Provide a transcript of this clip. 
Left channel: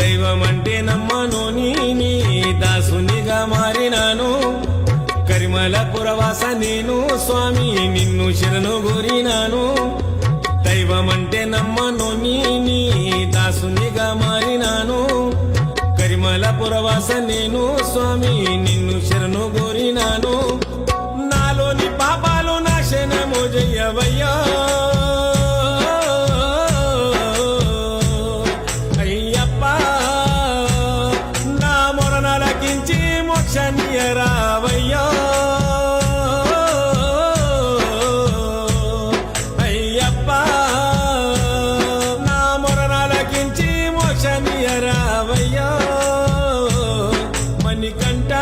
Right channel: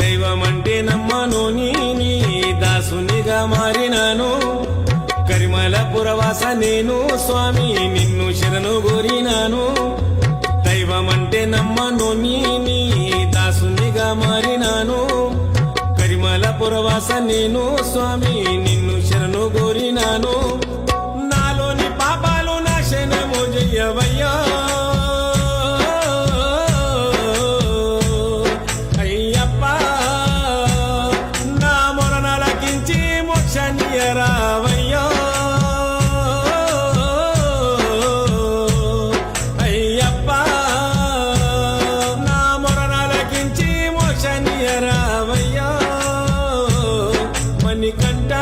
దైవమంటే నమ్మను నీ దాసునిగా మారినాను కరిమల పురవాస నేను స్వామి నిన్ను శరణు గోరినాను దైవమంటే నమ్మను నీ దాసునిగా మారినాను కరిమల పురవాస నేను స్వామి నిన్ను శరణు గోరినాను నాలోని పాపాలు నాశనము జయ్యవయ్యా అయ్యప్ప నా మొరనలకించి మోక్షనియరావయ్యా అయ్యప్ప నా మొరనలకించి మోక్షనియరావయ్యా మణికంఠ